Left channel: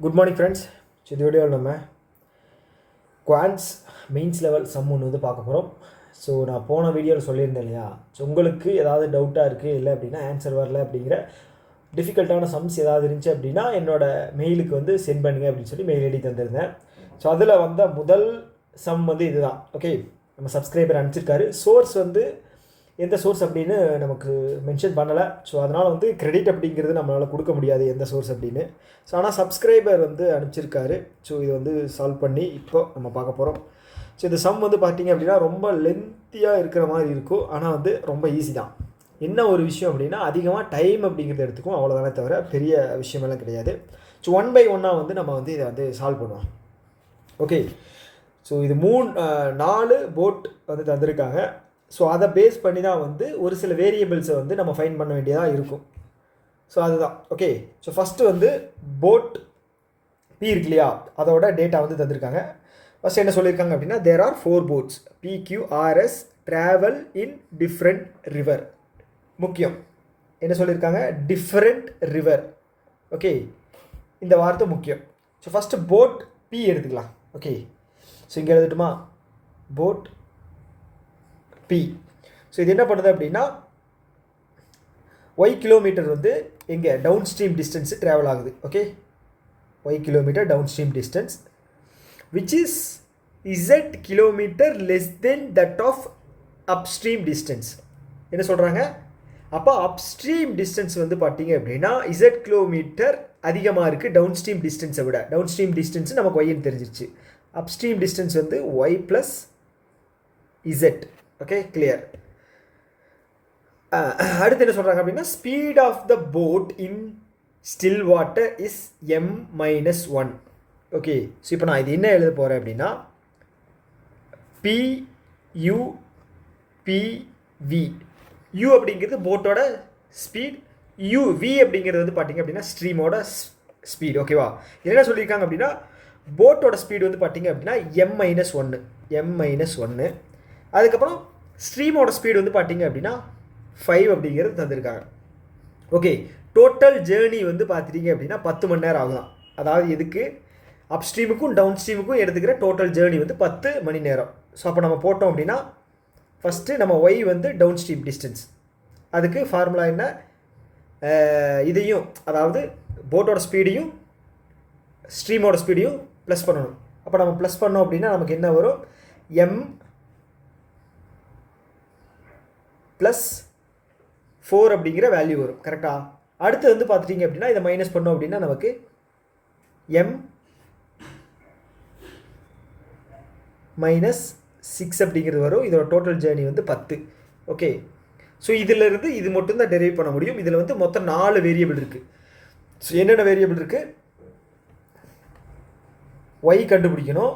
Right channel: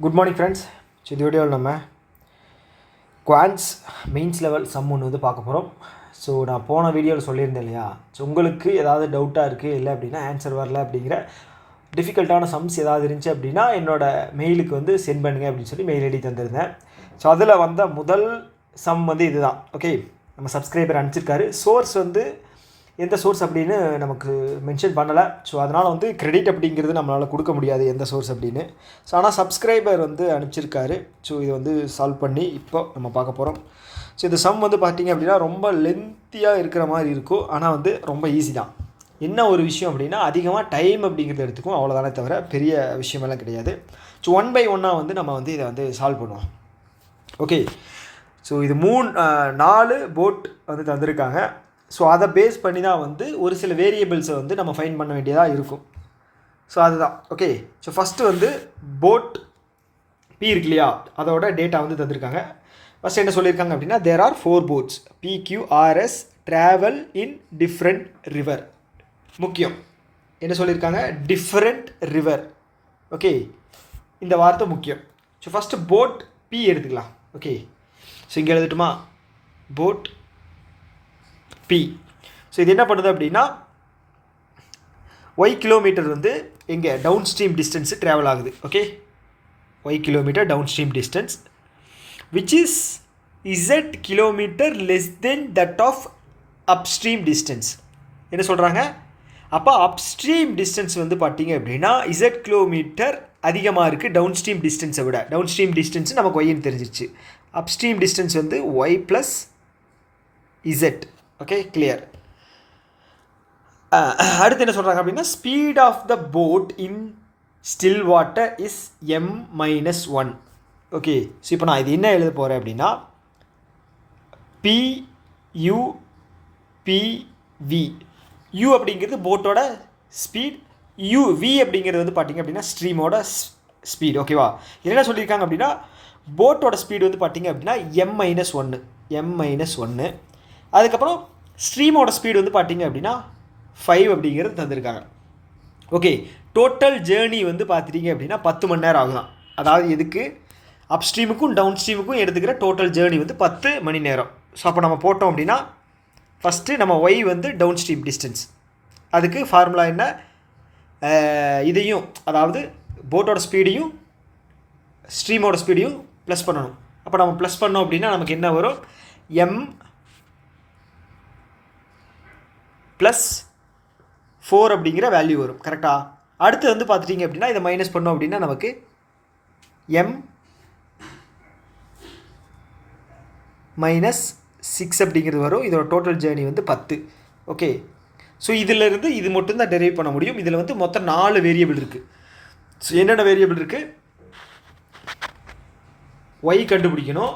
Good morning friends. So இந்த வீடியோவில் நம்ம குவான்ஸ் மெயின்ஸ் லெவல் சம் ஒன்று வந்து பார்க்க போகிறோம். ஸோ நான் போன வீடியோவில் சொல்லியிருந்தேன் இல்லையா, ஸோ உங்களுக்கு ஏதாவது டவுட்டாக இருக்குது இல்லை அப்படின்னா ஆன்சர் வரல அப்படிங்கிற டிஃபிகல்ட்டான சம்ஸ் ஏதாவது இருந்துச்சு அப்படின்னா என்னோடய மெயிலுக்கு வந்து சென்ட் பண்ணுங்கள் அப்படின்னு சொல்லி மெயில் ஐடி தந்திருந்தேன். ஸோ அதில் வந்த முதல் சம் வந்து இதுதான். ஓகே, நம்ம சப்ஸ்கிரைபர் அனுப்பிச்சிருக்காரு. சோர்ஸ் வந்து எந்த சோர்ஸ் அப்படின்னு நமக்கு மென்ஷன் பண்ணலை. ஸோ அதனால் வந்து கிரெடிட் அப்படிங்கிறது நம்மளால் கொடுக்க முடியாது எந்த சோர்ஸ் அப்படின்னு. ஸோ ஆனால் சப்ஸ்கிரைபர் வந்து அனுப்பிச்சிருக்காரு. ஸோ இதை வந்து சால்வ் பண்ணி இப்போ நம்ம பார்க்க போகிறோம். ஸோ இந்த சம் வந்து பார்த்திங்க அப்படின்னா ரொம்ப லென்த்தியாக இருக்கிற மாதிரி இருக்கும், ஆனால் வந்து ரொம்ப ஈஸி தான். என்ன ஒரு விஷயம் அப்படின்னா அதிகமாக டைம் அப்படிங்கிறது எடுத்துக்கும், அவ்வளோதானே தவிர பெரிய விஷயமெல்லாம் கிடையாது. ஸோ 1 by 1 வந்து நம்ம வந்து இதை வந்து சால்வ் பண்ணுவோம். ஓகே, ஸோ இது 4 போட் வந்து தந்திருக்காங்க. ஸோ அதை பேஸ் பண்ணி தான் வந்து ஒரு சில வேரியபிள்ஸை வந்து நம்ம ஃபைண்ட் பண்ண வேண்டியதாக இருக்கும். ஸோ அதுதான். ஓகே, ஸோ ஃபஸ்ட்டு வந்து போட் பி இருக்கு இல்லையா, அதோட டேட்டா வந்து தந்திருக்காங்க. ஃபஸ்ட் என்ன சொல்லியிருக்காங்க அப்படின்னா there are 4 boats PQRS travel in different river. முக்கியம் என்ன சொல்லியிருக்காங்க, டிஃப்ரெண்ட் ரிவர். ஓகே, இந்த வார்த்தை முக்கியம். ஸோ ஃபஸ்ட்டு போட் பி எடுத்துக்கலாம். ஓகே, ஸோ இங்கே எழுதட்டுமா, போட் பி. ஸோ இது என்ன பண்ணுது அப்படின்னா ஒய் கிலோமீட்டர் வந்து எங்கே டவுன் ஸ்ட்ரீம் டிஸ்டன்ஸு ட்ராவல் ஆகுது. Okay, Y kilometre downstream distance which is Z kilometre less than that of upstream distance. என்ன சொல்கிறாங்க, அப்போ அப்ஸ்ட்ரீம் டிஸ்டன்ஸ் வந்து பார்த்தீங்க அப்படின்னா இசட் கிலோமீட்டர் அதிகமாக இருக்குது டவுன் ஸ்ட்ரீம் டிஸ்டன்ஸை விட. டவுன் ஸ்ட்ரீம் டிஸ்டன்ஸு நமக்கு ஒய்ன்னு தெரிஞ்சிருச்சு. அப்ஸ்ட்ரீம் டிஸ்டன்ஸ் வந்து Y plus Z. Okay, clear. அடுத்து என்ன சொல்கிறாங்க அப்படின்னா speed of the boat in still water is m-1. Okay, so இப்போ நான் இது என்ன எழுத போகிறேன் அப்படின்னா PUPV. U அப்படிங்கிறது போட்டோட ஸ்பீட், V அப்படிங்கிறது வந்து பார்த்திங்க அப்படின்னா ஸ்ட்ரீமோட ஸ்பீட். ஓகேவா, என்ன சொல்லியிருக்காங்க அப்படின்னா போட்டோட ஸ்பீடு வந்து பார்த்திங்க அப்படின்னா m-1. அதுக்கப்புறம் ஸ்ட்ரீமோட ஸ்பீடு வந்து பார்த்திங்க அப்படின்னா 5 அப்படிங்கிறது தந்திருக்காங்க. ஓகே, டோட்டல் ஜேர்னி வந்து பார்த்துட்டிங்க அப்படின்னா 10 மணி நேரம் ஆகலாம். அதாவது எதுக்கு, அப் ஸ்ட்ரீமுக்கும் டவுன் ஸ்ட்ரீமுக்கும் எடுத்துக்கிற டோட்டல் ஜேர்னி வந்து 10 மணி நேரம். ஸோ அப்போ நம்ம போட்டோம் அப்படின்னா ஃபஸ்ட்டு நம்ம ஒய் வந்து டவுன் ஸ்ட்ரீம் டிஸ்டன்ஸ், அதுக்கு ஃபார்முலா என்ன, இதையும் அதாவது போட்டோட ஸ்பீடையும் ஸ்ட்ரீமோட ஸ்பீடையும் ப்ளஸ் பண்ணணும். அப்போ நம்ம ப்ளஸ் பண்ணோம் அப்படின்னா நமக்கு என்ன வரும், m+4 அப்படிங்கிற வேல்யூ வரும். கரெக்டாக. அடுத்து வந்து பார்த்துட்டிங்க அப்படின்னா இதை மைனஸ் பண்ணோம் அப்படின்னா நமக்கு m-6 அப்படிங்கிறது வரும். இதோட டோட்டல் ஜேர்னி வந்து 10. ஓகே, ஸோ இதிலிருந்து இது மட்டும்தான் டெரைவ் பண்ண முடியும். இதில் வந்து மொத்தம் 4 வேரியபிள் இருக்குது. ஸோ என்னென்ன வேரியபிள் இருக்குது, ஒய் கண்டுபிடிக்கணும்,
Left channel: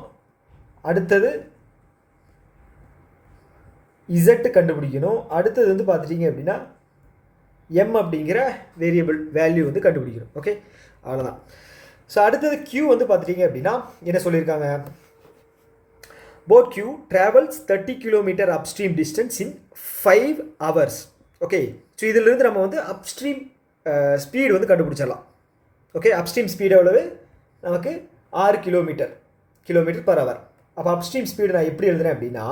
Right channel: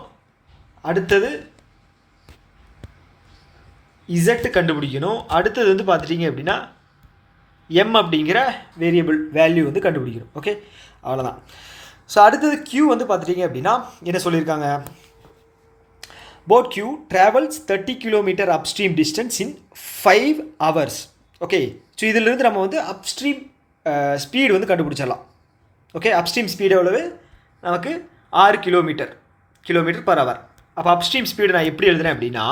அடுத்தது இசட்டு கண்டுபிடிக்கணும், அடுத்தது வந்து பார்த்துட்டிங்க அப்படின்னா எம் அப்படிங்கிற வேரியபிள் வேல்யூ வந்து கண்டுபிடிக்கணும். ஓகே, அவ்வளோதான். ஸோ அடுத்தது Q வந்து பார்த்துட்டிங்க அப்படின்னா என்ன சொல்லியிருக்காங்க, boat Q travels 30 kilometre upstream distance இன் 5 hours. ஓகே, ஸோ இதிலிருந்து நம்ம வந்து அப்ஸ்ட்ரீம் ஸ்பீடு வந்து கண்டுபிடிச்சிடலாம். ஓகே, அப்ஸ்ட்ரீம் ஸ்பீடு எவ்வளவு, நமக்கு 6 கிலோமீட்டர் பர் ஹவர். அப்போ அப்ஸ்ட்ரீம் ஸ்பீடு நான் எப்படி எழுதுறேன் அப்படின்னா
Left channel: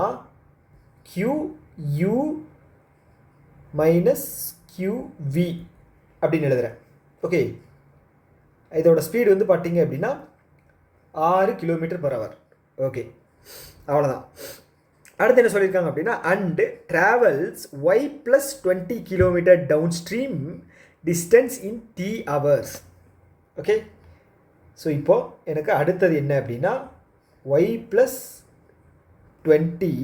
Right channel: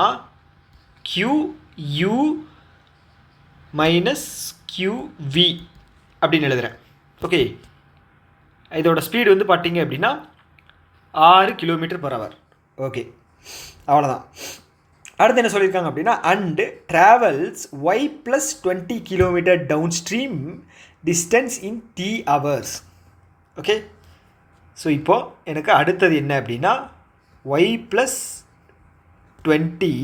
QU மைனஸ் QV அப்படின்னு எழுதுகிறேன். ஓகே, இதோட ஸ்பீடு வந்து பார்த்தீங்க அப்படின்னா 6 கிலோமீட்டர் பர் ஹவர். ஓகே, அவ்வளோதான். அடுத்து என்ன சொல்லியிருக்காங்க அப்படின்னா and travels Y plus 20 kilometre downstream distance in T hours. Okay, so இப்போது எனக்கு அடுத்தது என்ன அப்படின்னா Y plus 20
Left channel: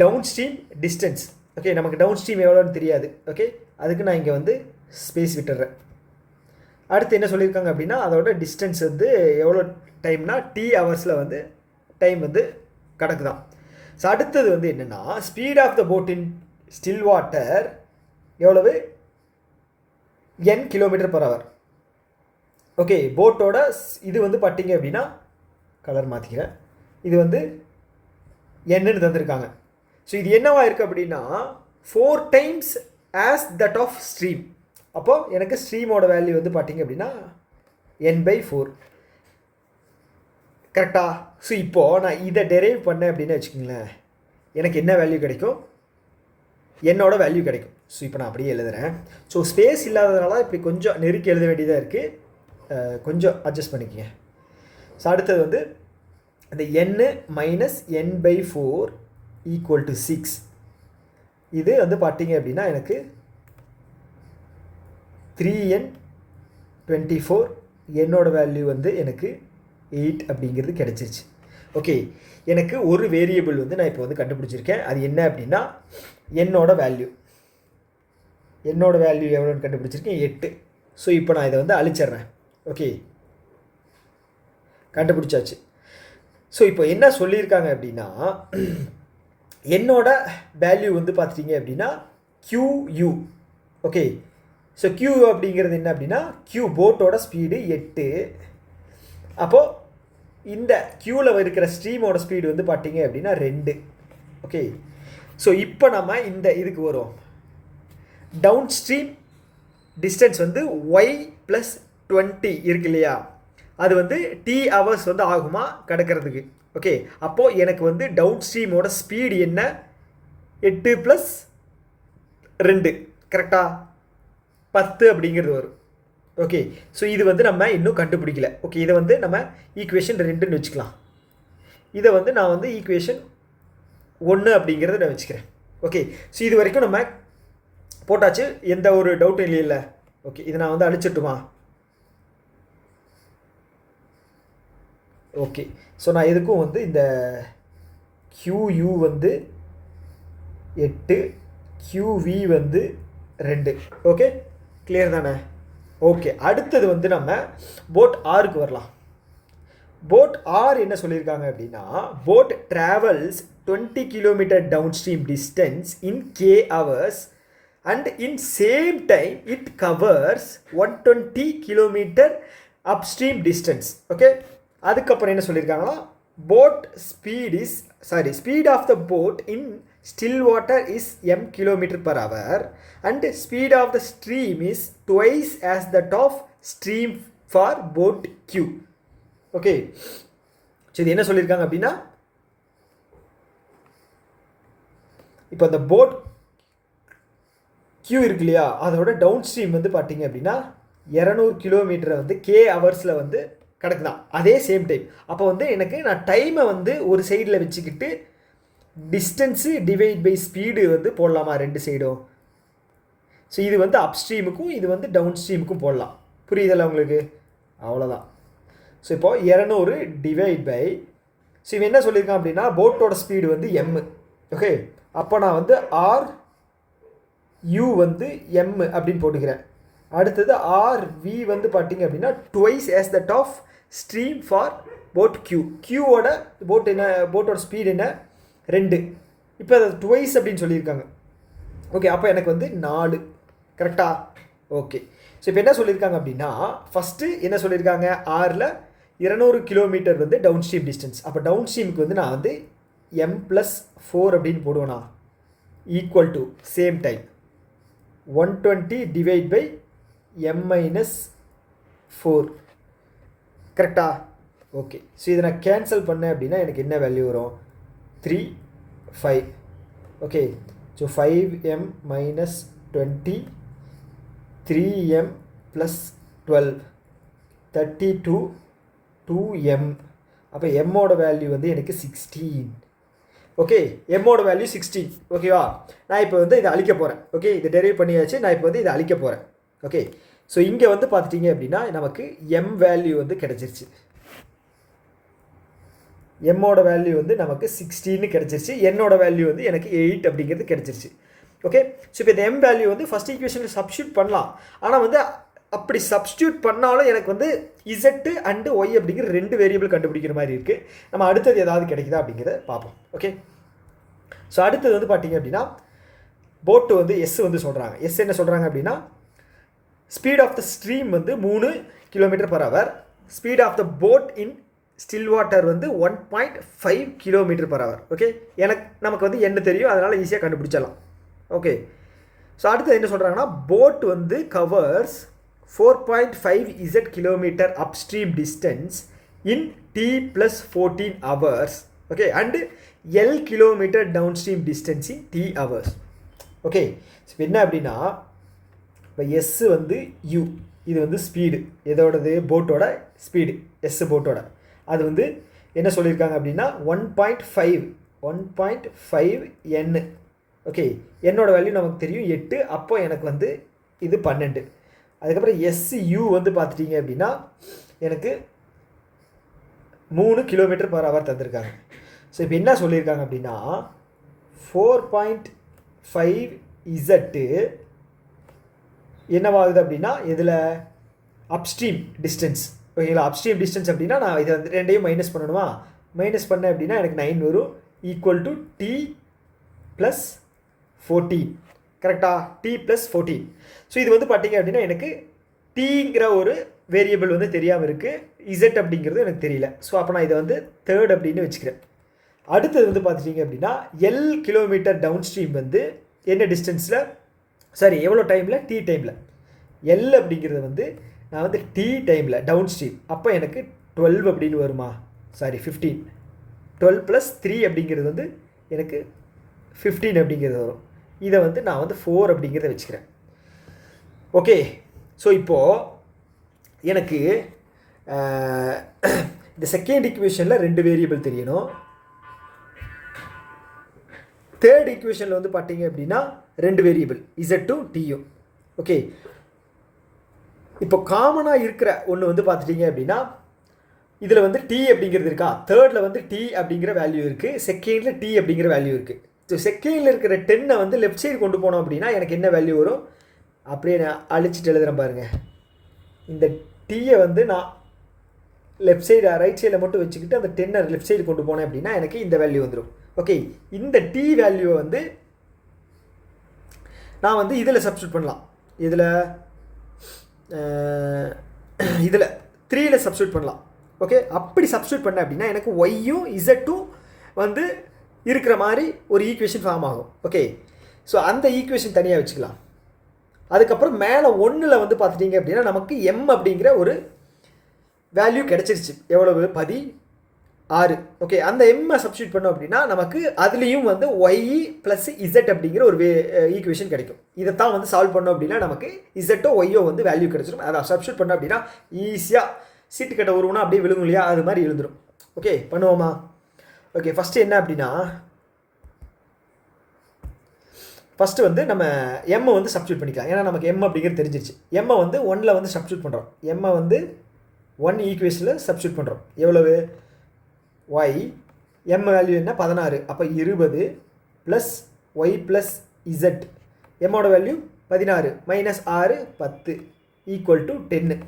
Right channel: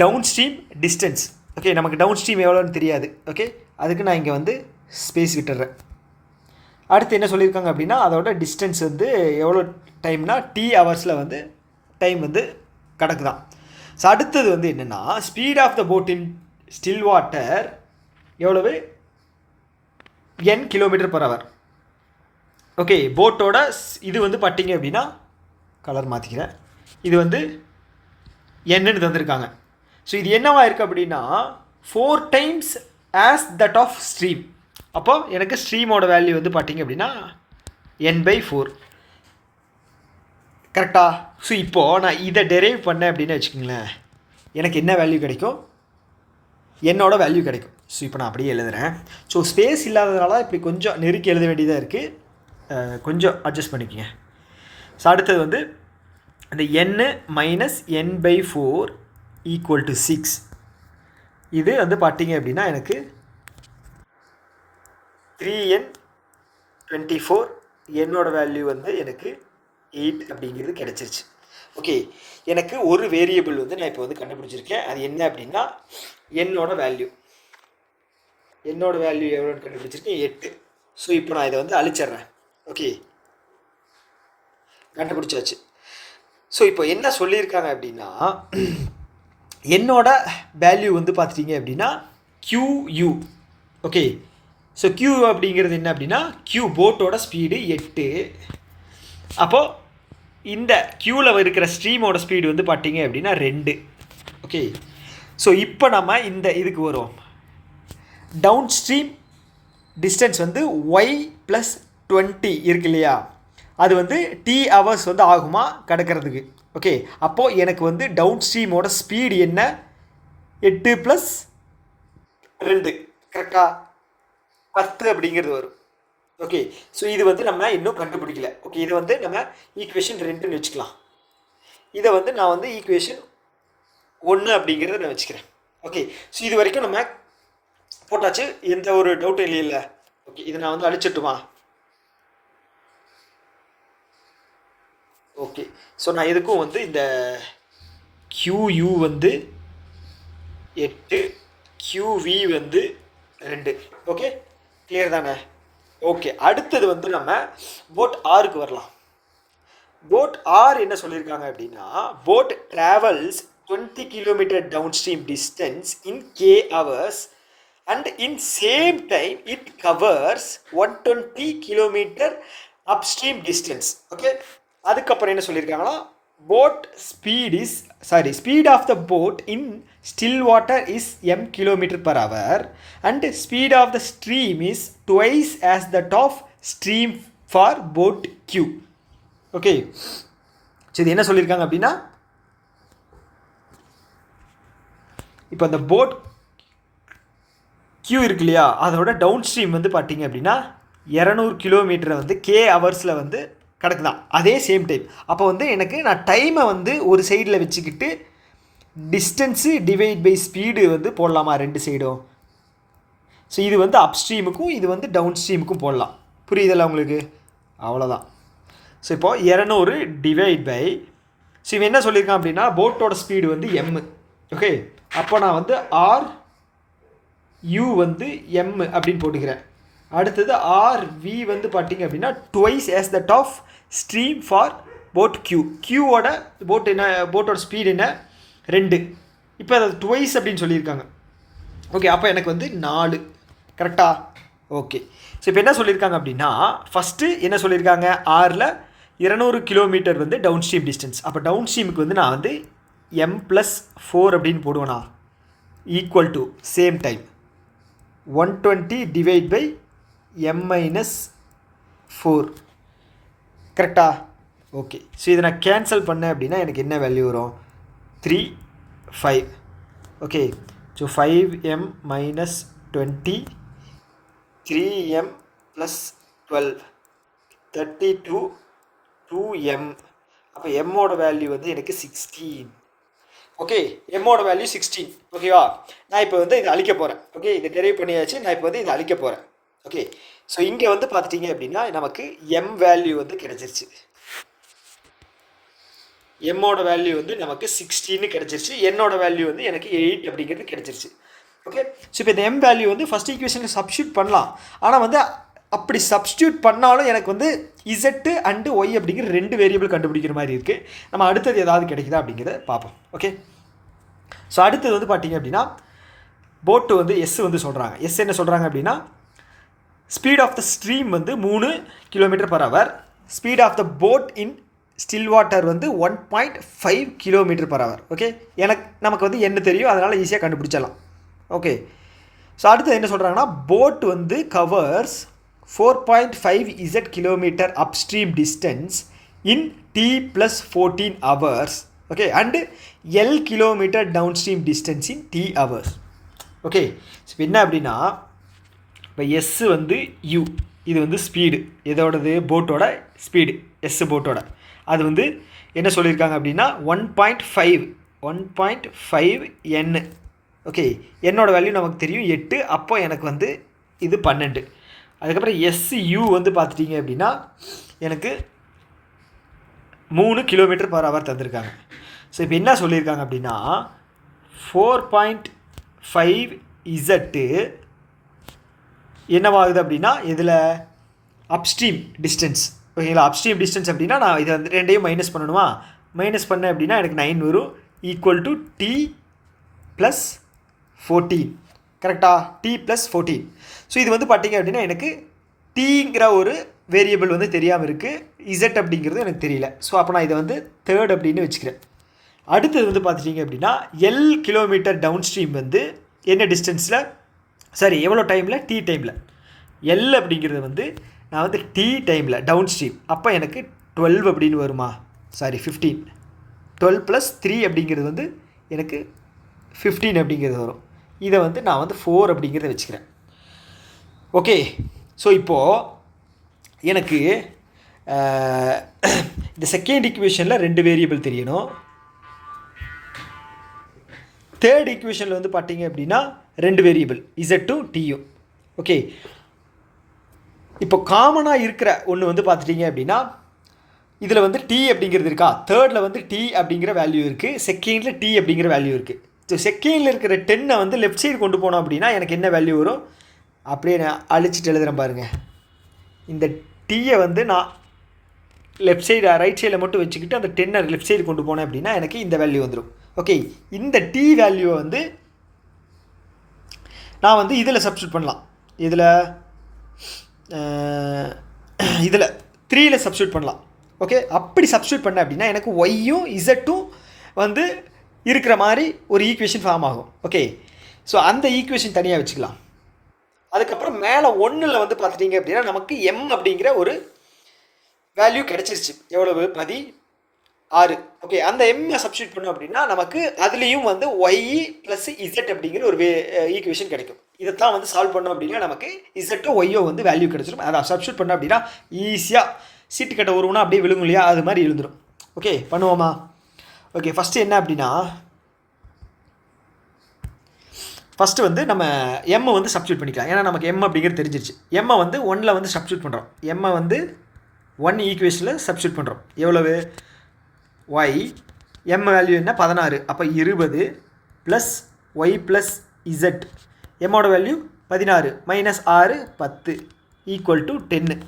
downstream distance. Okay, நமக்கு டவுன் ஸ்ட்ரீம் எவ்வளோன்னு தெரியாது. ஓகே, அதுக்கு நான் இங்கே வந்து ஸ்பேஸ் விட்டுறேன். அடுத்து என்ன சொல்லியிருக்காங்க அப்படின்னா அதோட டிஸ்டன்ஸ் வந்து எவ்வளோ டைம்னா T ஹவர்ஸில் வந்து டைம் வந்து கணக்கு தான். ஸோ அடுத்தது வந்து என்னென்னா speed of the boat in still water எவ்வளவு, n kilometre per hour. Okay, போட்டோட இது வந்து பார்த்தீங்க அப்படின்னா கலர் மாற்றிக்கிறேன், இது வந்து என்னன்னு தந்திருக்காங்க. ஸோ இது என்னவா இருக்குது அப்படின்னா 4 times as that of stream. அப்போது எனக்கு ஸ்ட்ரீமோட வேல்யூ வந்து பார்த்திங்க அப்படின்னா n/4 கரெக்டா? ஸோ இப்போது நான் இதை டெரைவ் பண்ணேன் அப்படின்னு வச்சுக்கோங்களேன், எனக்கு என்ன வேல்யூ கிடைக்கும்? என்னோட வேல்யூ கிடைக்கும். ஸோ இப்போ நான் அப்படியே எழுதுகிறேன். ஸோ ஸ்பேஸ் இல்லாததுனால இப்படி கொஞ்சம் நெருக்கி எழுத வேண்டியதாக இருக்குது, கொஞ்சம் அட்ஜஸ்ட் பண்ணிக்கோங்க. ஸோ அடுத்தது வந்து இந்த n - n/4 = 6. இது வந்து பார்த்தீங்க அப்படின்னா எனக்கு 3n/24 என்னோட வேல்யூ வந்து எனக்கு 8 அப்படிங்கிறது கிடச்சிருச்சு. ஓகே, எனக்கு ஒரு வேரியபிள் வந்து நான் இப்போ வந்து கண்டுபிடிச்சிருக்கேன். அது என்ன அப்படின்னா என்னோட வேல்யூ எவ்வளோன்னு கண்டுபிடிச்சிருக்கேன், 8. ஸோ இப்போ நான் இதை வந்து அழிச்சிட்றேன். ஓகே, கண்டுபிடிச்சாச்சு. ஸோ இப்போ என்ன சொல்லியிருக்காங்க அப்படின்னா என்னோட வேல்யூ வந்து பார்த்துட்டிங்க அப்படின்னா QU. ஓகே, ஸோ Q அப்படிங்கிறது என்ன அப்படின்னா போட்டோட ஸ்பீடு 8. அப்போது இந்த Qவில் இருக்கிற ஸ்ட்ரீமோட ஸ்பீடு வந்து பார்த்தீங்க அப்படின்னா 2. ஓகே, ஸோ இப்போ நம்ம இந்த இதுக்கு வரும். டவுன் ஸ்ட்ரீம் டிஸ்டன்ஸ் வந்து y+20 இருக்கு இல்லையா, அது வந்து t ஹவர்ஸ் வந்து ஆகுமா கிடக்கிறதுக்கு. ஓகே, அப்போது எனக்கு வந்து டவுன் ஸ்ட்ரீமோட ஸ்பீடு என்ன? 8 + 2 கரெக்டாக 10 அப்படிங்கிறது வரும். ஓகே, ஸோ இது வந்து நம்ம இன்னும் கண்டுபிடிக்கல. ஓகே, இதை வந்து நம்ம ஈக்குவேஷன் 2ன்னு வச்சுக்கலாம். இதை வந்து நான் வந்து ஈக்குவேஷன் 1 அப்படிங்கிறத நான் வச்சுக்கிறேன். ஓகே, ஸோ இது வரைக்கும் நம்ம போட்டாச்சு, எந்த ஒரு டவுட்டும் இல்லை. ஓகே, இதை நான் வந்து அழிச்சிட்டுமா? ஓகே, ஸோ நான் எதுக்கும் வந்து இந்த QU வந்து 8, QV வந்து 2. ஓகே, கிளியர் தானே? ஓகே, அடுத்தது வந்து நம்ம போட் ஆருக்கு வரலாம். போட் ஆர் என்ன சொல்லியிருக்காங்க அப்படின்னா boat travels 20 kilometre downstream distance in k hours and in same time it covers 120 kilometre upstream distance. Okay, அதுக்கப்புறம் என்ன சொல்லியிருக்காங்கன்னா boat speed of the boat in still water is m km/h and speed of the stream is twice as that of stream for boat Q. Okay, so இது என்ன சொல்லியிருக்காங்க அப்படின்னா இப்போ அந்த boat Q இருக்கு இல்லையா, அதோட டவுன் ஸ்ட்ரீம் வந்து பார்த்தீங்க அப்படின்னா 200 கிலோமீட்டரை வந்து k ஹவர்ஸில் வந்து கிடக்குதான். அதே சேம் டைம் அப்போ வந்து எனக்கு நான் டைமை வந்து ஒரு சைடில் வச்சுக்கிட்டு டிஸ்டன்ஸு டிவைட் பை ஸ்பீடு வந்து போடலாமா 2 சைடும்? ஸோ இது வந்து அப் ஸ்ட்ரீமுக்கும் இது வந்து டவுன் ஸ்ட்ரீமுக்கும் போடலாம். புரியுதில்ல உங்களுக்கு? அவ்வளோதான். ஸோ இப்போது 200 டிவைட் பை, ஸோ இவன் என்ன சொல்லியிருக்கான் அப்படின்னா போட்டோட ஸ்பீடு வந்து m. ஓகே, அப்போ நான் வந்து RU வந்து m அப்படின்னு போட்டுக்கிறேன். அடுத்தது RV வந்து பார்த்தீங்க அப்படின்னா twice as that of stream for boat Q. Qவோட போட்டோட ஸ்பீடு என்ன? 2. இப்போ அது ட்வைஸ் அப்படின்னு சொல்லியிருக்காங்க. ஓகே, அப்போ எனக்கு வந்து 4 கரெக்டாக? ஓகே, ஸோ இப்போ என்ன சொல்லியிருக்காங்க அப்படின்னா ஃபஸ்ட்டு என்ன சொல்லியிருக்காங்க, ஆரில் 200 கிலோமீட்டர் வந்து டவுன் ஸ்ட்ரீம் டிஸ்டன்ஸ். அப்போ டவுன் ஸ்ட்ரீமுக்கு வந்து நான் வந்து m+4 அப்படின்னு போடுவேனா equal to same time 120 divide by m-4 கரெக்டா? ஓகே, ஸோ இதை நான் கேன்சல் பண்ணேன் அப்படின்னா எனக்கு என்ன வேல்யூ வரும்? 3, 5. Okay, so 5m - 20 3m + 12 32 2m. அப்போ எம்மோட வேல்யூ வந்து எனக்கு 16. ஓகே, எம்மோட வேல்யூ 16. ஓகேவா? நான் இப்போ வந்து இதை அழிக்க போகிறேன். ஓகே, இதை டெரைவ் பண்ணியாச்சு. நான் இப்போ வந்து இதை அழிக்க போகிறேன். ஓகே, ஸோ இங்கே வந்து பார்த்துட்டிங்க அப்படின்னா நமக்கு எம் வேல்யூ வந்து கிடச்சிருச்சு. எம்மோட வேல்யூ வந்து நமக்கு 16 கிடச்சிருச்சு. என்னோட வேல்யூ வந்து எனக்கு 8 அப்படிங்கிறது கிடச்சிருச்சு. ஓகே, ஸோ இப்போ இந்த எம் வேல்யூ வந்து ஃபஸ்ட் ஈக்குவேஷனில் சப்ஸ்டியூட் பண்ணலாம். ஆனால் வந்து அப்படி சப்ஸ்டியூட் பண்ணாலும் எனக்கு வந்து இசட்டு அண்டு ஒய் அப்படிங்கிற 2 வேரியபிள் கண்டுபிடிக்கிற மாதிரி இருக்குது. நம்ம அடுத்தது ஏதாவது கிடைக்குதா அப்படிங்கிறத பார்ப்போம். ஓகே, ஸோ அடுத்தது வந்து பார்த்திங்க அப்படின்னா போட்டு வந்து எஸ் வந்து சொல்கிறாங்க. எஸ் என்ன சொல்கிறாங்க அப்படின்னா ஸ்பீட் ஆஃப் த ஸ்ட்ரீம் வந்து 3 km/h, speed of the boat in still water வந்து 1.5 km/h. ஓகே, நமக்கு வந்து என்ன தெரியும், அதனால் ஈஸியாக கண்டுபிடிச்சிடலாம். ஓகே, ஸோ அடுத்து என்ன சொல்கிறாங்கன்னா போட் வந்து covers 4.5 z kilometer upstream distance in t plus 14 hours. Okay, and L kilometer downstream distance in t hours. Okay, so என்ன அப்படின்னா இப்போ எஸ் வந்து யூ, இது வந்து ஸ்பீடு, எதோடது போட்டோட ஸ்பீடு, எஸ் போட்டோட அது வந்து என்ன சொல்லியிருக்காங்க அப்படின்னா 1.5 n. ஓகே, என்னோடய வேல்யூ நமக்கு தெரியும் 8, அப்போ எனக்கு வந்து இது 12. அதுக்கப்புறம் எஸ்யூ வந்து பார்த்துட்டிங்க அப்படின்னா எனக்கு 3 km/h தந்திருக்காங்க. ஸோ இப்போ என்ன சொல்லியிருக்காங்க அப்படின்னா 4.5 z என்னவாகுது அப்படின்னா இதில் அப்ஸ்ட்ரீம் டிஸ்டன்ஸ். ஓகேங்களா, அப்ஸ்ட்ரீம் டிஸ்டன்ஸ் அப்படின்னா நான் இதை வந்து ரெண்டையும் மைனஸ் பண்ணணுமா, மைனஸ் பண்ணேன் அப்படின்னா எனக்கு 9 வரும், ஈக்குவல் டு t + 14. கரெக்டாக, t + 14. ஸோ இது வந்து பார்த்திங்க அப்படின்னா எனக்கு டீங்கிற ஒரு வேரியபிள் வந்து தெரியாமல் இருக்குது, இசட் அப்படிங்கிறது எனக்கு தெரியல. ஸோ அப்போ நான் இதை வந்து தேர்ட் அப்படின்னு வச்சுக்கிறேன். அடுத்தது வந்து பார்த்துட்டிங்க அப்படின்னா L கிலோமீட்டர் டவுன் ஸ்ட்ரீம் வந்து என்ன டிஸ்டன்ஸில், சாரி எவ்வளோ டைமில், டி டைமில். L அப்படிங்கிறது வந்து நான் வந்து டி டைமில் டவுன் ஸ்ட்ரீம், அப்போ எனக்கு 12 அப்படின்னு வருமா, சாரி 15. 12 + 3 அப்படிங்கிறது வந்து எனக்கு 15 அப்படிங்கிறது வரும். இதை வந்து நான் வந்து 4 அப்படிங்கிறத வச்சுக்கிறேன். ஓகே, ஸோ இப்போது எனக்கு இந்த செகண்ட் ஈக்குவேஷனில் 2 வேரியபிள் தெரியணும். தேர்ட் ஈக்குவேஷனில் வந்து பார்த்தீங்க அப்படின்னா 2 வேரியபிள் இசட்டும் டியும். ஓகே, இப்போ காமனாக இருக்கிற ஒன்று வந்து பார்த்துட்டிங்க அப்படின்னா இதில் வந்து டி அப்படிங்கிறது இருக்கா, தேர்டில் வந்து டி அப்படிங்கிற வேல்யூ இருக்குது, செகண்டில் டி அப்படிங்கிற வேல்யூ இருக்குது. ஸோ செகண்டில் இருக்கிற 10 வந்து லெஃப்ட் சைடு கொண்டு போனோம் அப்படின்னா எனக்கு என்ன வேல்யூ வரும், அப்படியே நான் அழிச்சிட்டு எழுதுகிறேன் பாருங்கள். இந்த டீயை வந்து நான் லெஃப்ட் சைடு ரைட் சைடில் மட்டும் வச்சுக்கிட்டு அந்த 10 லெஃப்ட் சைடு கொண்டு போனேன் அப்படின்னா எனக்கு இந்த வேல்யூ வந்துடும். ஓகே, இந்த டி வேல்யூவை வந்து நான் வந்து இதில் சப்ஸ்டியூட் பண்ணலாம், இதில் 3ல் சப்ஸ்டியூட் பண்ணலாம். ஓகே, அப்படி சப்ஸ்டியூட் பண்ணேன் அப்படின்னா எனக்கு ஒய்யும் இசட்டும் வந்து இருக்கிற மாதிரி ஒரு ஈக்குவேஷன் ஃபார்ம் ஆகும். ஓகே, ஸோ அந்த ஈக்குவேஷன் தனியாக வச்சுக்கலாம். அதுக்கப்புறம் மேலே 1ல் வந்து பார்த்துட்டிங்க அப்படின்னா நமக்கு m அப்படிங்கிற ஒரு வேல்யூ கிடச்சிருச்சு, எவ்வளவு 16. ஓகே, அந்த எம்மை சப்ஸ்டியூட் பண்ணோம் அப்படின்னா நமக்கு அதுலேயும் வந்து ஒய் ப்ளஸ் இசட் அப்படிங்கிற ஒரு ஈக்குவேஷன் கிடைக்கும். இதைத்தான் வந்து சால்வ் பண்ணோம் அப்படின்னா நமக்கு இசட்டோ ஒய்யோ வந்து வேல்யூ கிடச்சிடும். அதை சப்ஸ்டியூட் பண்ணோம் அப்படின்னா ஈஸியாக சீட்டு கட்ட வருவோம்னா அப்படியே விழுங்கும் இல்லையா, அது மாதிரி எழுந்துடும். ஓகே, பண்ணுவோமா? ஓகே, ஃபஸ்ட்டு என்ன அப்படின்னா ஃபஸ்ட்டு வந்து நம்ம எம்மை வந்து சப்ஸ்டியூட் பண்ணிக்கலாம். ஏன்னா நமக்கு எம் அப்படிங்கிறது தெரிஞ்சிருச்சு. எம்மை வந்து 1ல் வந்து சப்ஸ்டியூட் பண்ணுறோம். எம்மை வந்து 1 ஈக்குவேஷனில் சப்ஸ்டியூட் பண்ணுறோம். எவ்வளவு, y m வேல்யூ என்ன 16, அப்போ 20 ப்ளஸ் ஒய் ப்ளஸ் இசட், எம்மோட value 16 minus 6 10 equal to 10.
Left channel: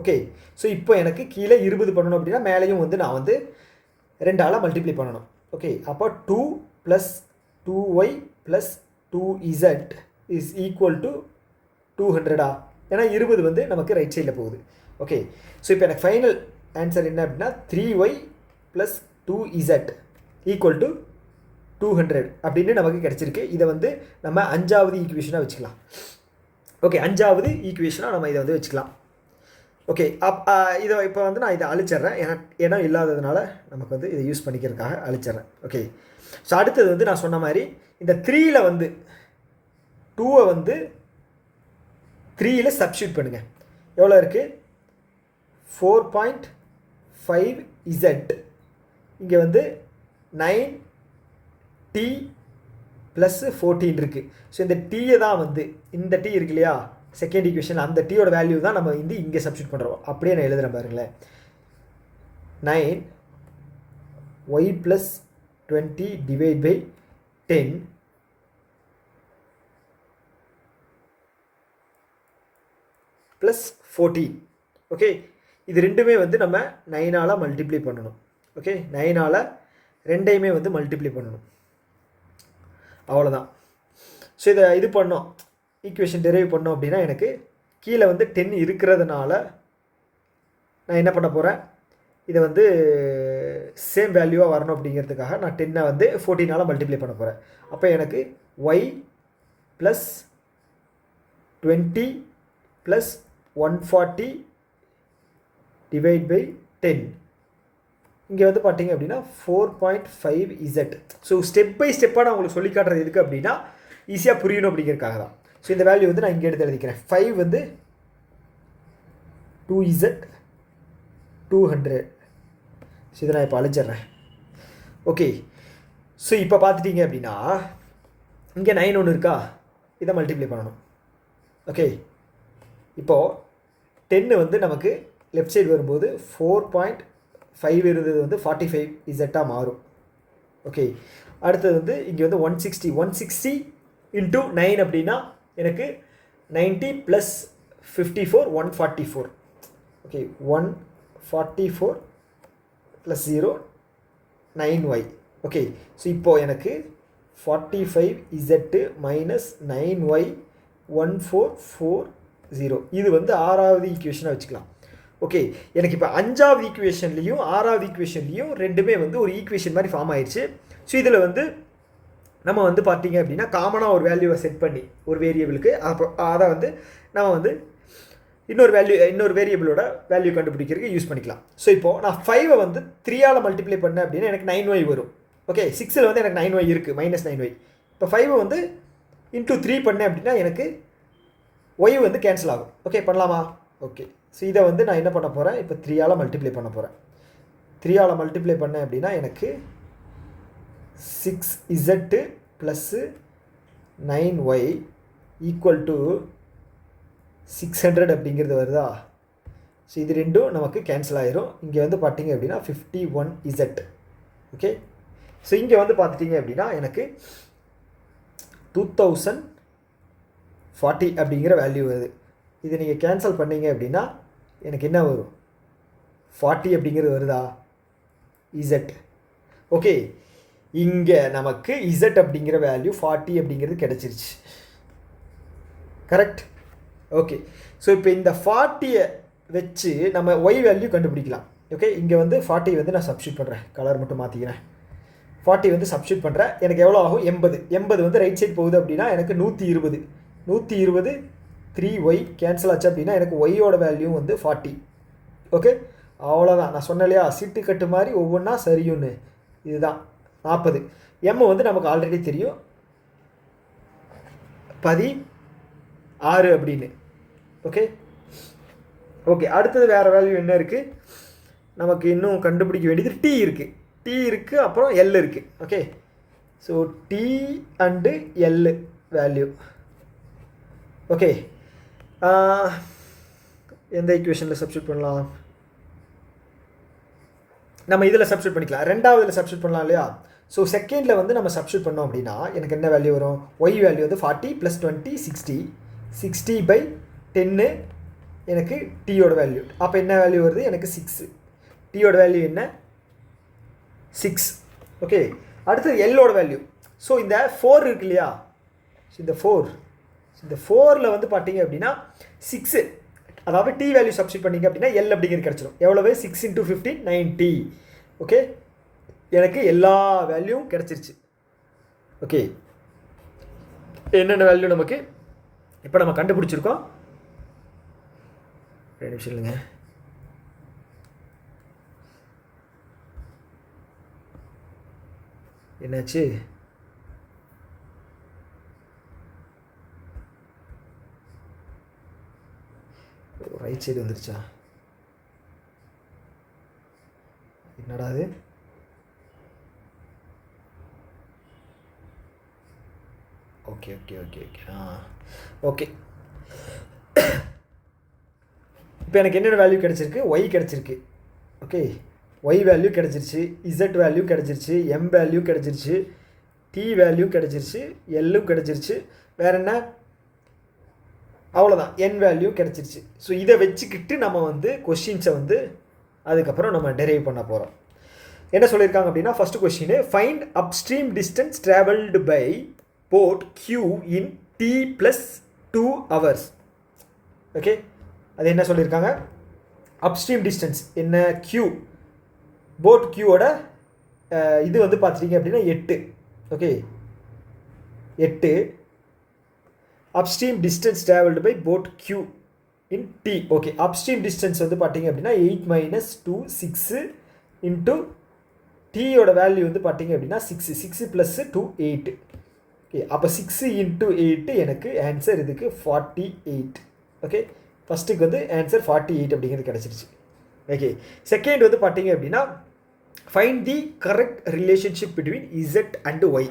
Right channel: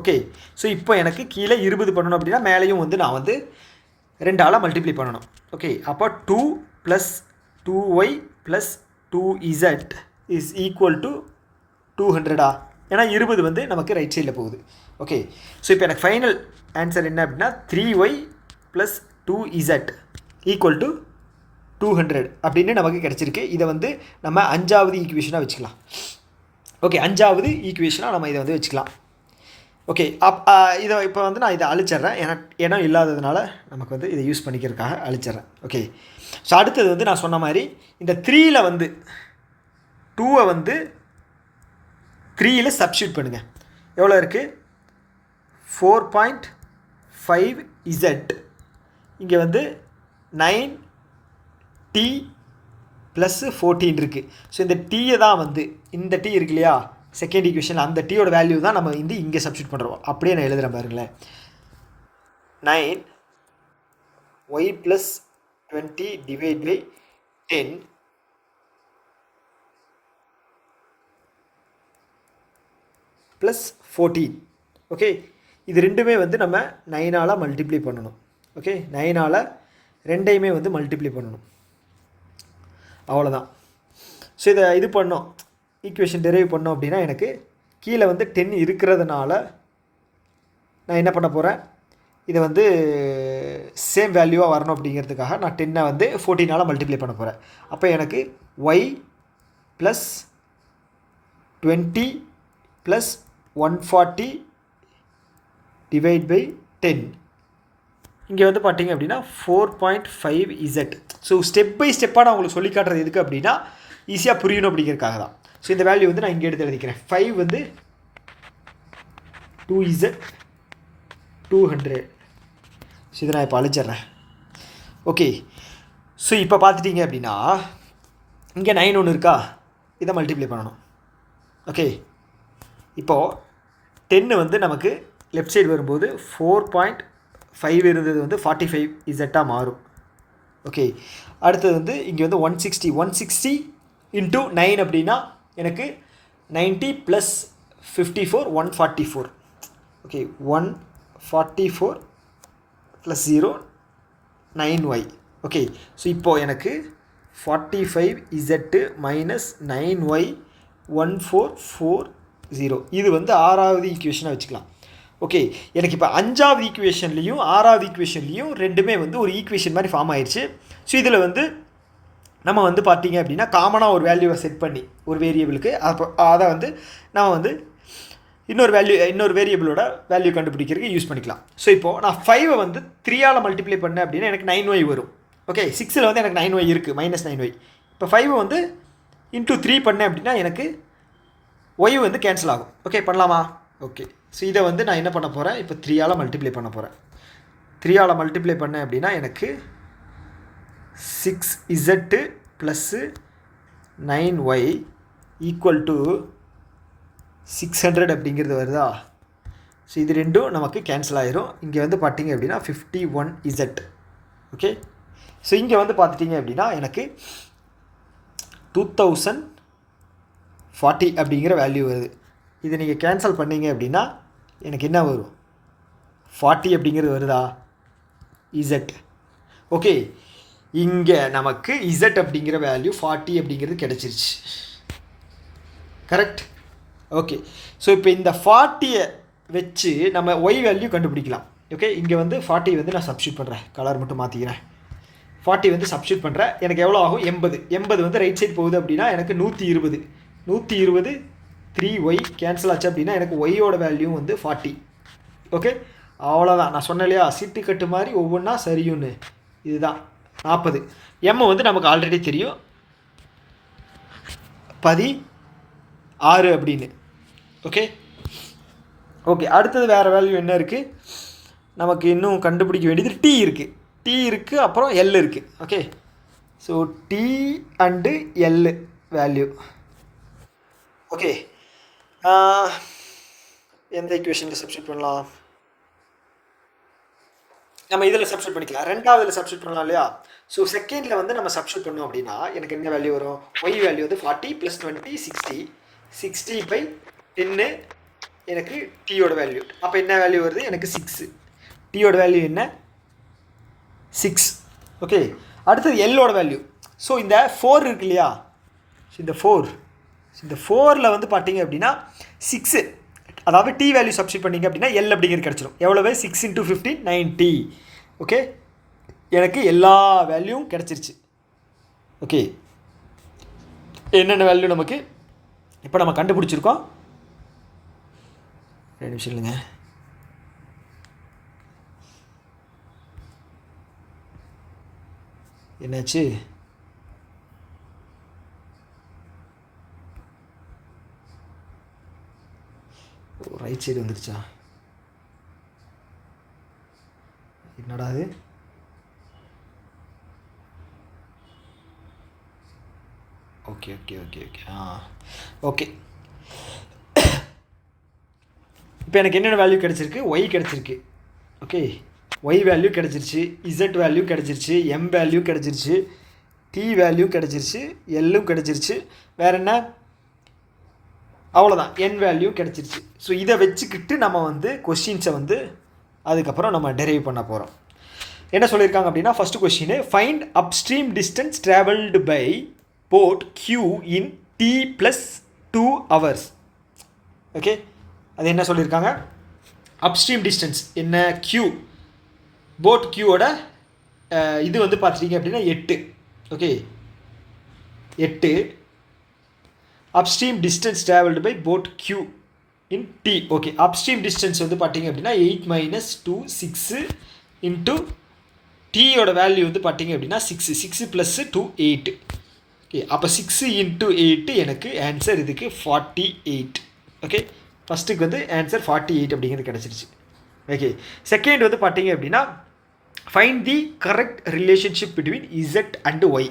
Okay, so இப்போ எனக்கு கீழே 20 பண்ணணும் அப்படின்னா மேலேயும் வந்து நான் வந்து 2ஆல் மல்டிப்ளை பண்ணணும். ஓகே, அப்போ 2 plus 2y plus 2z is equal to 200. ஏன்னா 20 வந்து நமக்கு ரைட் சைடில் போகுது. ஓகே, ஸோ இப்போ எனக்கு ஃபைனல் ஆன்சர் என்ன அப்படின்னா 3y plus 2z equal to 200 அப்படின்னு நமக்கு கிடச்சிருக்கு. இதை வந்து நம்ம 5வது ஈக்குவேஷனாக வச்சுக்கலாம். ஓகே, 5வது ஈக்குவேஷனாக நம்ம இதை வந்து வச்சுக்கலாம். ஓகே, இதை இப்போ வந்து நான் இதை அழிச்சிட்றேன், இடம் இல்லாததுனால நமக்கு வந்து இதை யூஸ் பண்ணிக்கிறதுக்காக அழிச்சிட்றேன். ஓகே, ஸோ அடுத்தது வந்து நான் சொன்ன மாதிரி இந்த 3ல் வந்து 2 வந்து 3ல் சப்ஸ்டியூட் பண்ணுங்கள். எவ்வளோ இருக்குது, 4.5z, இங்கே வந்து 9t ப்ளஸ் 14 இருக்குது. ஸோ இந்த டீயை தான் வந்து இந்த டீ இருக்கு இல்லையா செகண்ட் ஈக்குவேஷன், அந்த டீயோட வேல்யூ தான் நம்ம வந்து இங்கே சப்ஸ்டியூட் பண்ணுறோம். அப்படியே நான் எழுதுகிறேன் பாருங்களேன். 9y plus 20 divide by 10 plus 14. Okay, இது ரெண்டுமே வந்து நம்ம 9ஆல் மல்டிப்ளை பண்ணணும். ஓகே, 9ஆல் ரெண்டையுமே வந்து மல்டிப்ளை பண்ணணும், அவ்வளோதான். ஸோ இதை இது பண்ணோம், ஈக்குவேஷன் டெரைவ் பண்ணோம் அப்படின்னா எனக்கு கீழே வந்து 10 இருக்கிறதுனால நான் என்ன பண்ண போகிறேன், இதை வந்து சேம் வேல்யூவாக வரணும் அப்படிங்கிறதுக்காக நான் 10 வந்து 14ஆல் மல்டிப்ளை பண்ண போகிறேன். அப்போ எனக்கு y plus 20 plus 140 divide by 10. இங்கே வந்து பார்த்தீங்க அப்படின்னா 4.5z. ஸோ ஸ்டெப் பை ஸ்டெப்பாக நான் உங்களுக்கு சொல்லி காட்டுறது எதுக்கு அப்படின்னா ஈஸியாக புரியணும் அப்படிங்கிறதுக்காக தான். ஸோ இந்த வேல்யூ வந்து நான் இங்கே எடுத்து எழுதிக்கிறேன். 5 வந்து 2z 200. ஸோ இதை நான் இப்போ அழிச்சிட்றேன். ஓகே, ஸோ இப்போ பார்த்துட்டிங்க அப்படின்னா இங்கே 9 ஒன்று இருக்கா, இதை மல்டிப்ளை பண்ணணும். ஓகே, இப்போது 10 வந்து நமக்கு லெஃப்ட் சைடு வரும்போது 4.5 இருந்தது வந்து 45 இசட்டாக மாறும். ஓகே, அடுத்தது வந்து இங்கே வந்து 160 இன்ட்டு 9 அப்படின்னா எனக்கு 90 plus 54 144. Okay, 144 plus 0 9y. Okay, so இப்போது எனக்கு 45z மைனஸ் 9y 1440. இது வந்து 6வது ஈக்குவேஷனாக வச்சுக்கலாம். ஓகே, எனக்கு இப்போ 5வது ஈக்குவேஷன்லேயும் 6வது ஈக்குவேஷன்லேயும் ரெண்டுமே வந்து ஒரு ஈக்குவேஷன் மாதிரி ஃபார்ம் ஆயிடுச்சு. ஸோ இதில் வந்து நம்ம வந்து பார்த்திங்க அப்படின்னா காமனாக ஒரு வேல்யூவை செட் பண்ணி ஒரு வேரியபிளுக்கு அப்போ அதை வந்து நம்ம வந்து இன்னொரு வேரியபிளோட வேல்யூ கண்டுபிடிக்கிறதுக்கு யூஸ் பண்ணிக்கலாம். ஸோ இப்போது நான் 5 வந்து 3ஆல் மல்டிப்ளை பண்ணேன் அப்படின்னா எனக்கு 9y வரும். ஓகே, 6ல் வந்து எனக்கு 9y இருக்குது, மைனஸ் 9y. இப்போ 5 வந்து இன்ட்டு 3 பண்ணேன் அப்படின்னா எனக்கு y வந்து கேன்சல் ஆகும். ஓகே, பண்ணலாமா? ஓகே, ஸோ இதை வந்து நான் என்ன பண்ண போகிறேன், இப்போ 3ஆல் மல்டிப்ளை பண்ண போகிறேன். 3ஆல் மல்டிப்ளை பண்ணேன் அப்படின்னா எனக்கு 6z plus 9y equal to 600 அப்படிங்கிறது வருதா? ஸோ இது ரெண்டும் நமக்கு கேன்சல் ஆகிரும். இங்கே வந்து பார்த்திங்க அப்படின்னா 51z. ஓகே, ஸோ இங்கே வந்து பார்த்துட்டிங்க அப்படின்னா எனக்கு 2040 அப்படிங்கிற வேல்யூ வருது. இதை நீங்கள் கேன்சல் பண்ணிங்க அப்படின்னா எனக்கு என்ன வரும், 40 அப்படிங்கிறது வருதா, இசட். ஓகே, இங்கே நமக்கு இசட் அப்படிங்கிற வேல்யூ 40 அப்படிங்கிறது கிடச்சிருச்சு. கரெக்ட்? ஓகே, ஸோ இப்போ இந்த 40யை வச்சு நம்ம ஒய் வேல்யூ கண்டுபிடிக்கலாம். ஓகே, இங்கே வந்து 40 வந்து நான் சப்ஸ்டியூட் பண்ணுறேன், கலர் மட்டும் மாற்றிக்கிறேன். 40 வந்து சப்ஸ்டியூட் பண்ணுறேன். எனக்கு எவ்வளோ ஆகும், 80 வந்து ரைட் சைட் போகுது அப்படின்னா எனக்கு 120 3y கேன்சல் ஆச்சு அப்படின்னா எனக்கு ஒய்யோட வேல்யூ வந்து 40. ஓகே, அவ்வளோதான். நான் சொன்னேன் இல்லையா, சீட்டு கட்டு மாதிரி ஒவ்வொன்றா சரியும்னு. இதுதான் 40. எம் வந்து நமக்கு ஆல்ரெடி தெரியும் 16 அப்படின்னு. ஓகே ஓகே, அடுத்தது வேறு வேல்யூ என்ன இருக்குது, நமக்கு இன்னும் கண்டுபிடிக்க வேண்டியது டி இருக்குது, அப்புறம் எல் இருக்குது. Okay, so T and L value. Okay, எந்த ஈக்குவேஷனில் சப்ஸ்டியூட் பண்ணலாம், நம்ம இதில் சப்ஸ்டியூட் பண்ணிக்கலாம். 2வதுல சப்ஸ்டியூட் பண்ணலாம் இல்லையா? ஸோ செகண்டில் வந்து நம்ம சப்ஸ்டியூட் பண்ணோம் அப்படின்னா எனக்கு என்ன வேல்யூ வரும், ஒய் வேல்யூ வந்து 40 + 20 60/10 எனக்கு டீயோட வேல்யூ. அப்போ என்ன வேல்யூ வருது, எனக்கு 6. டீயோட வேல்யூ என்ன, 6. ஓகே, அடுத்தது எல்லோட வேல்யூ. ஸோ இந்த 4 இருக்கு இல்லையா, இந்த 4ல் வந்து பார்த்தீங்க அப்படின்னா 6, அதாவது டி வேல்யூ சப்ஸ்டியூட் பண்ணிங்க அப்படின்னா எல் அப்படிங்கிறது கிடச்சிடும். எவ்வளவு, 6 × 15 90. ஓகே, எனக்கு எல்லா வேல்யூவும் கிடச்சிருச்சு. ஓகே, என்னென்ன வேல்யூ நமக்கு இப்போ நம்ம கண்டுபிடிச்சிருக்கோம். 2 நிமிஷம் இல்லைங்க, என்னாச்சு, ரைட் சைடு வந்துருச்சா, என்னடா அது, okay okay okay okay okay. இப்போ எனக்கு என்னென்ன வேல்யூ கிடச்சிருக்கு, ஒய் கிடச்சிருக்கு. ஓகே, ஒய் வேல்யூ கிடச்சிருச்சு, இசட் வேல்யூ கிடச்சிருச்சு, எம் வேல்யூ கிடச்சிருச்சு, டி வேல்யூ கிடச்சிருச்சு, எல்லும் கிடச்சிருச்சு. வேறு என்ன, அவ்வளோதான், என் வேல்யூ கிடச்சிருச்சு. ஸோ இதை வச்சுக்கிட்டு நம்ம வந்து கொஸ்டின்ஸை வந்து அதுக்கப்புறம் நம்ம டெரைவ் பண்ண போகிறோம். என்ன சொல்லியிருக்காங்க அப்படின்னா, first question, find upstream distance travelled by boat Q in t + 2 hours. Okay, அது என்ன சொல்லியிருக்காங்க, அப்ஸ்ட்ரீம் டிஸ்டன்ஸ் என்ன, கியூ, போட் கியூவோட இது வந்து பார்த்துட்டிங்க அப்படின்னா 8. Okay, 8 upstream distance travelled by boat Q in T. Okay, upstream distance வந்து பார்த்தீங்க அப்படின்னா 8 மைனஸ் 2 6 இன்ட்டு டீயோட வேல்யூ வந்து பார்த்தீங்க அப்படின்னா 6 6 ப்ளஸ் 2 8. ஓகே, அப்போ 6 இன்ட்டு 8 எனக்கு ஆன்சர் இதுக்கு 48. ஓகே, ஃபஸ்ட்டுக்கு வந்து ஆன்சர் 48 அப்படிங்கிறது கிடச்சிருச்சு. ஓகே, செகண்ட் வந்து பார்த்தீங்க அப்படின்னா find the correct relationship between Z and Y.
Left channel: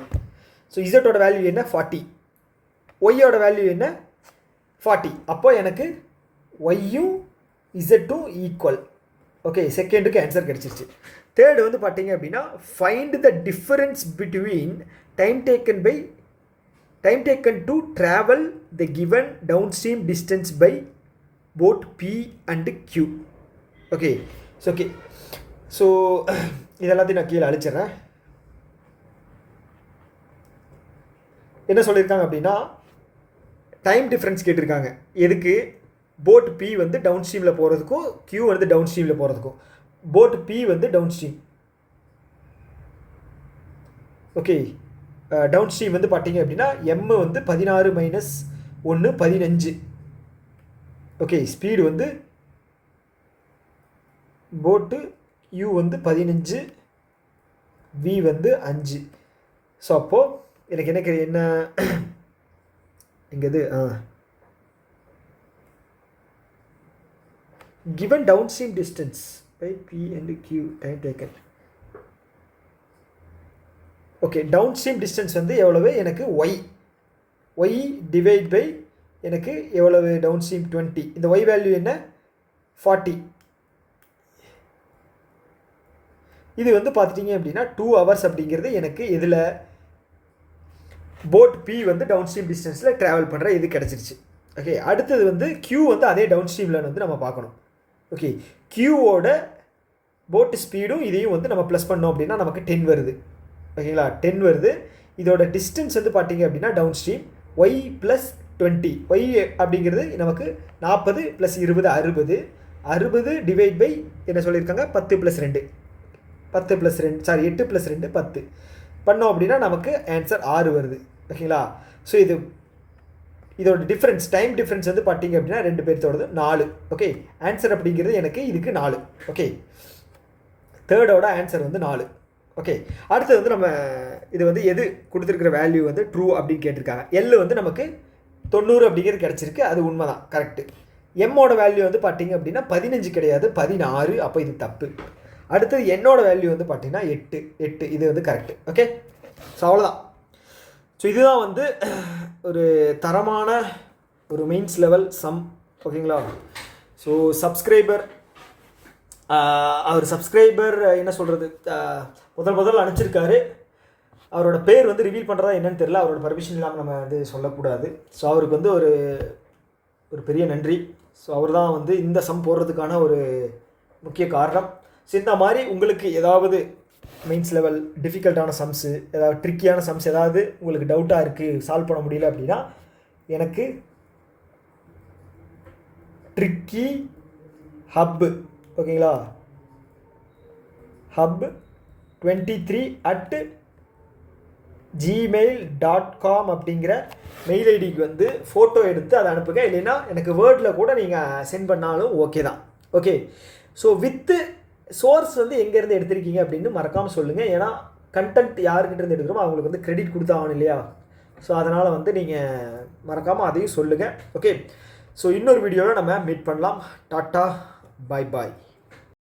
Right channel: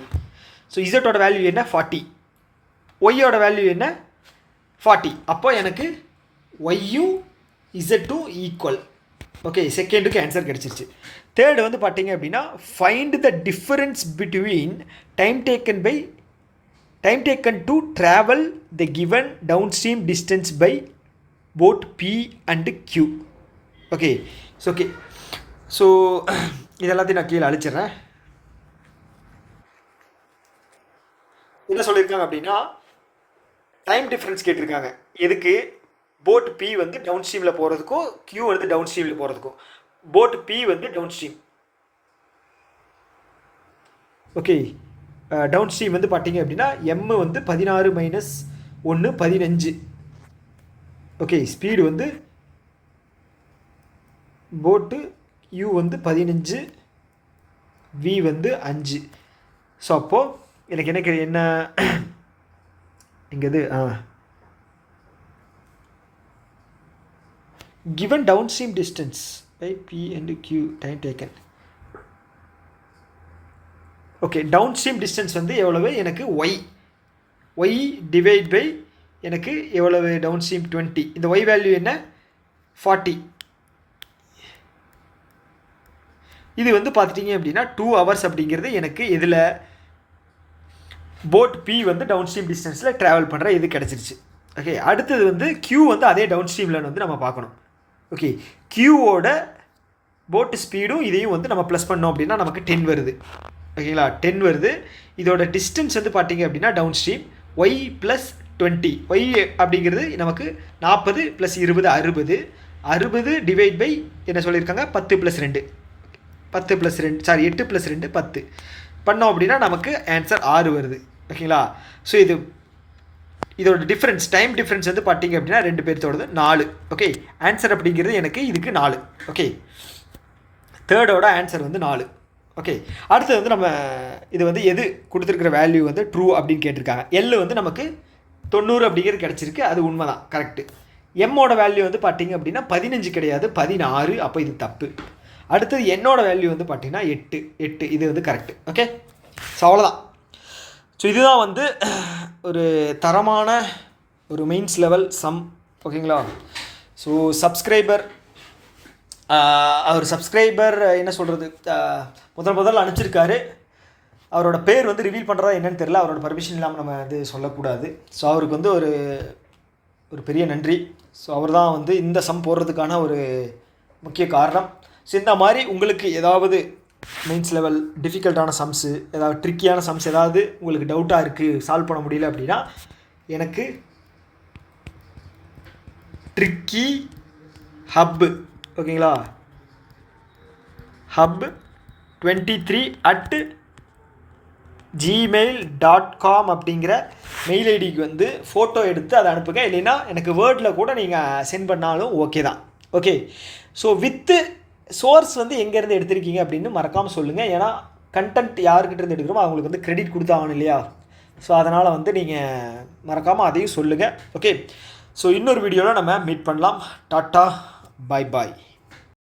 So இசட்டோட வேல்யூ என்ன 40, ஒய்யோட வேல்யூ என்ன 40. அப்போ எனக்கு ஒய்யும் இசட்டும் ஈக்குவல். ஓகே, செகண்டுக்கு ஆன்சர் கிடச்சிருச்சு. தேர்டு வந்து பார்த்தீங்க அப்படின்னா find the difference between time taken to travel the given downstream distance by boat B and Q. Okay so இதெல்லாத்தையும் நான் கீழே அழிச்சிட்றேன். என்ன சொல்லியிருக்காங்க அப்படின்னா டைம் டிஃப்ரென்ஸ் கேட்டிருக்காங்க. எதுக்கு? போட் பி வந்து டவுன் ஸ்ட்ரீமில் போகிறதுக்கும் கியூ வந்து டவுன் ஸ்ட்ரீமில் போகிறதுக்கும். போட் பி வந்து downstream. Okay, downstream வந்து பார்த்தீங்க அப்படின்னா எம் வந்து 16 மைனஸ் 1 15. ஓகே, ஸ்பீடு வந்து போட்டு யூ வந்து 15, வி வந்து 5. ஸோ அப்போது எனக்கு என்ன இங்கே given downstream distance by P and Q time taken. Okay, downstream distance வந்து எவ்வளவு எனக்கு ஒய் டிவைட் பை எனக்கு எவ்வளவு டவுன்ஸ்ட்ரீம் 20. இந்த ஒய் வேல்யூ என்ன 40. இது வந்து பார்த்துட்டிங்க அப்படின்னா 2 hours அப்படிங்கிறது எனக்கு இதில் போட் பி வந்து டவுன்ஸ்ட்ரீம் டிஸ்டன்ஸில் ட்ராவல் பண்ணுற இது கிடச்சிருச்சு. ஓகே, அடுத்தது வந்து கியூ வந்து அதே டவுன்ஸ்ட்ரீமில் வந்து நம்ம பார்க்கணும். ஓகே, கியூவோட போட்டு ஸ்பீடும் இதையும் வந்து நம்ம ப்ளஸ் பண்ணோம் அப்படின்னா நமக்கு 10 வருது. ஓகேங்களா, 10 வருது. இதோட டிஸ்டன்ஸ் வந்து பார்த்தீங்க அப்படின்னா downstream Y plus 20. Y அப்படிங்கிறது நமக்கு 40 ப்ளஸ் 20 60 டிவைட் பை என்ன சொல்லியிருக்காங்க 10 + 2 8 + 2 10 பண்ணோம் அப்படின்னா நமக்கு ஆன்சர் 6 வருது. ஓகேங்களா, ஸோ இதோட டிஃப்ரென்ஸ் டைம் டிஃப்ரென்ஸ் வந்து பார்த்தீங்க அப்படின்னா 2 பேர்த்தோடது 4. ஓகே, ஆன்சர் அப்படிங்கிறது எனக்கு இதுக்கு 4. ஓகே, தேர்டோட ஆன்சர் வந்து 4. ஓகே, அடுத்தது வந்து நம்ம இது வந்து எது கொடுத்துருக்கிற வேல்யூ வந்து ட்ரூ அப்படின்னு கேட்டிருக்காங்க. எல் வந்து நமக்கு 90 அப்படிங்கிறது கிடச்சிருக்கு, அது உண்மை தான், கரெக்டு. எம்மோட வேல்யூ வந்து பார்த்தீங்க அப்படின்னா 15 கிடையாது 16, அப்போ இது தப்பு. அடுத்தது என்னோட வேல்யூ வந்து பார்த்தீங்கன்னா 8, இது வந்து கரெக்டு. ஓகே, ஸோ அவ்வளோதான். ஸோ இதுதான் வந்து ஒரு தரமான ஒரு மெயின்ஸ் லெவல் சம். ஓகேங்களா, ஸோ சப்ஸ்கிரைபர் என்ன சொல்கிறது, முதல்ல அனுப்பிச்சிருக்காரு. அவரோட பேர் வந்து ரிவீல் பண்ணுறதா என்னன்னு தெரியல, அவரோட பர்மிஷன் இல்லாமல் நம்ம வந்து சொல்லக்கூடாது. ஸோ அவருக்கு வந்து ஒரு பெரிய நன்றி. ஸோ அவர் தான் வந்து இந்த சம் போடுறதுக்கான ஒரு முக்கிய காரணம். ஸோ இந்த மாதிரி உங்களுக்கு ஏதாவது மெயின்ஸ் லெவல் டிஃபிகல்ட்டான சம்ஸு, ஏதாவது ட்ரிக்கியான சம்ஸ் ஏதாவது உங்களுக்கு டவுட்டாக இருக்குது, சால்வ் பண்ண முடியல அப்படின்னா எனக்கு ட்ரிக்கி ஹப், ஓகேங்களா, hub 23@gmail.com அப்படிங்கிற மெயில் ஐடிக்கு வந்து ஃபோட்டோ எடுத்து அதை அனுப்புங்க. இல்லைன்னா எனக்கு வேர்டில் கூட நீங்கள் சென்ட் பண்ணாலும் ஓகே தான். ஓகே, ஸோ வித்து சோர்ஸ் வந்து எங்கேருந்து எடுத்திருக்கீங்க அப்படின்னு மறக்காமல் சொல்லுங்கள். ஏன்னா கண்டென்ட் யாருக்கிட்ட இருந்து எடுக்கிறோமோ அவங்களுக்கு வந்து கிரெடிட் கொடுத்தாகணும் இல்லையா? ஸோ அதனால் வந்து நீங்கள் மறக்காமல் அதையும் சொல்லுங்கள். ஓகே, ஸோ இன்னொரு வீடியோவில் நம்ம மீட் பண்ணலாம். டாட்டா, பாய்.